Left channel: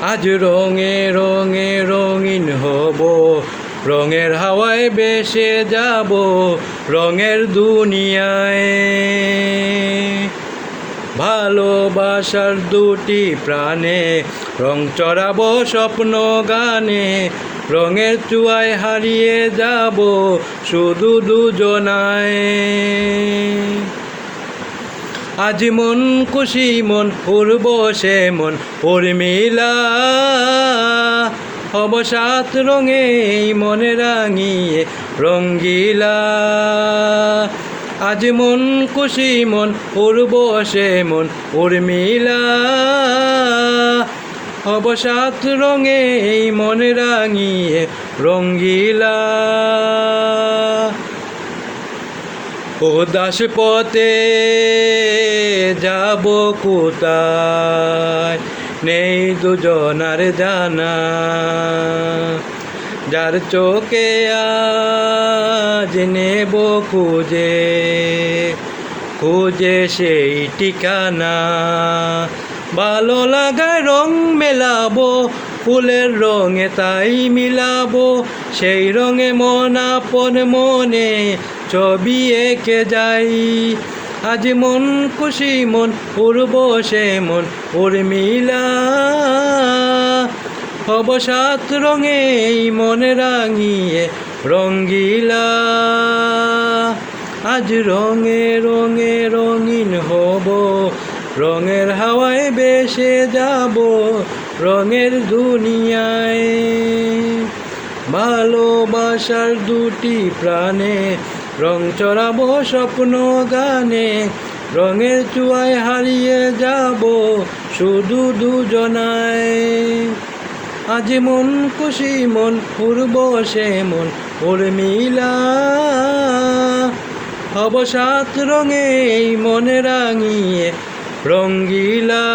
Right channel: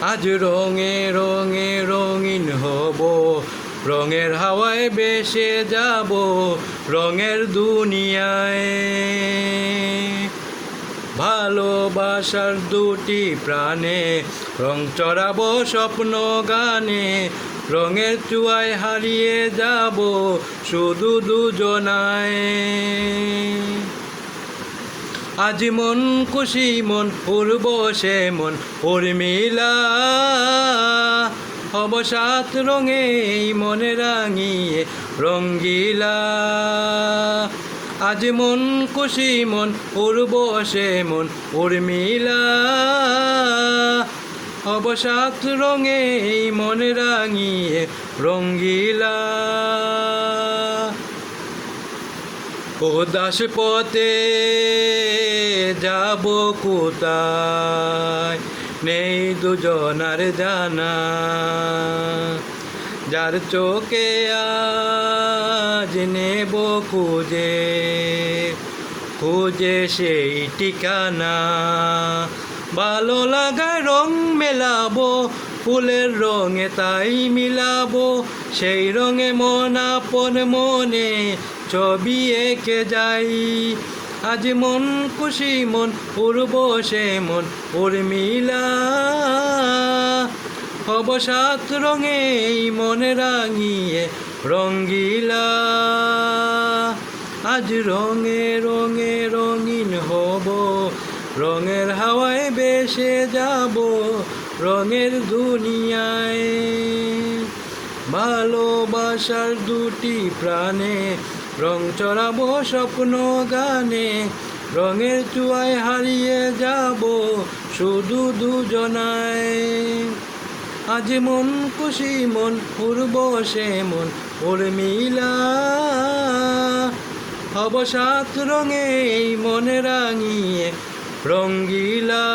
আজ রঙে রঙে রঙিন হব, রঙের হাওয়ায় বেসে যাব, রঙের দুনিয়ায়। ভালোবাসার দুটি প্রাণে, রং চড়াবো স্বপ্ন গানে, রঙের চুয়ায় হারিয়ে যাব শুধু দুজনায়। আজ মন খুশি, মন পূর্ব সে মন। উর্মিলা অবসাত রঙে মনে রাঙিয়ে রঙ্গিলা। আজ মন খুশি, মন পূর্ব সে মন। উর্মিলা অবসাত রঙে মনে রাঙিয়ে রঙ্গিলা। ও দাস পথে যাব কোথায়? নেই দুজনার জানা। যার চোখে আজ নেব খুঁজে খুঁজে সেই ঠিকানা। ভালো লাগায় রং মেলাবো ফুলের রঙে তাই মিলাবো, সেই রঙে মন আপন মনে ছবি এঁকে যাই। আজ মন খুশি, মন পূর্ব সে মন, উর্মিলা। অবসাত রঙে এই মনে রাঙিয়ে রঙ্গিলা। আজ রঙে রঙে রঙিন হব রঙের হাওয়ায় বেসে যাব রঙের দুনিয়ায়। ভালোবাসার দুটি প্রাণে রং চড়াবো স্বপ্ন গানে, রঙের চুয়ায় হারিয়ে যাব শুধু দুজনায়। আজ মন খুশি, মন পূর্ব সে মন উর্মিলা অবসাত রঙে মনে রাঙিয়ে রঙ্গিলা